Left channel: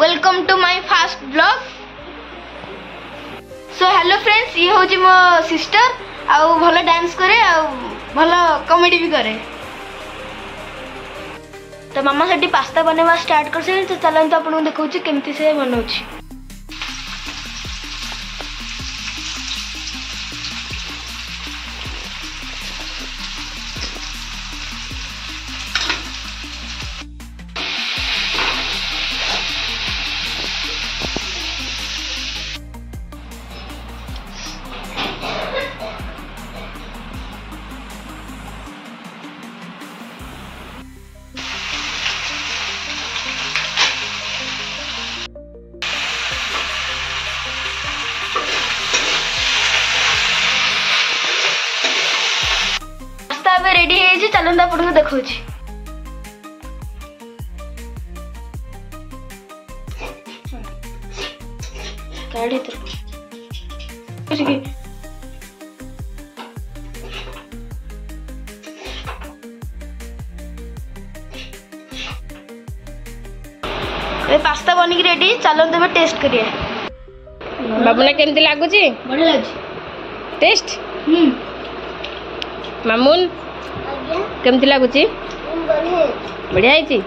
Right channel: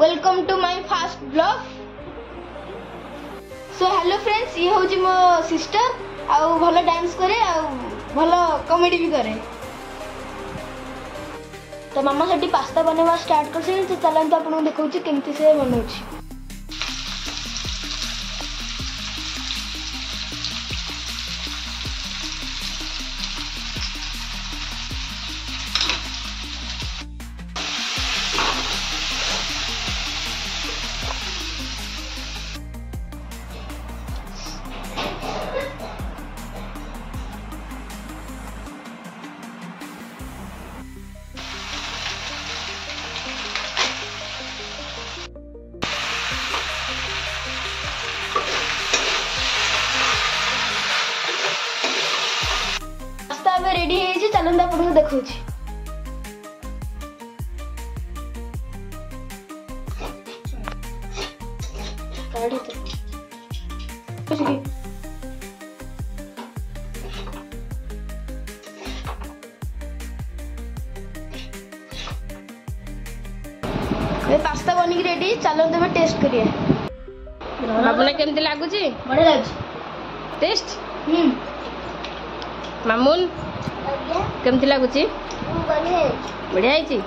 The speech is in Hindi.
Welcome to my first blog. So hello friends, ये हूँ मो सिस्टर आउ भल डांस करे आउ भल कॉमेडी भी करे। तो मामा से पास्ता बनवा स्टार्ट कर से, तो चलते आपको देखा केमती से बनाऊँ। रेडी है, चलते आपको देखा। पास्ता बनिक रेडी, चलते टेस्ट करिए। बाबूना केमती लागुची? बढ़िया लागुची टेस्ट। मामून केमती लागुची? बढ़िया है।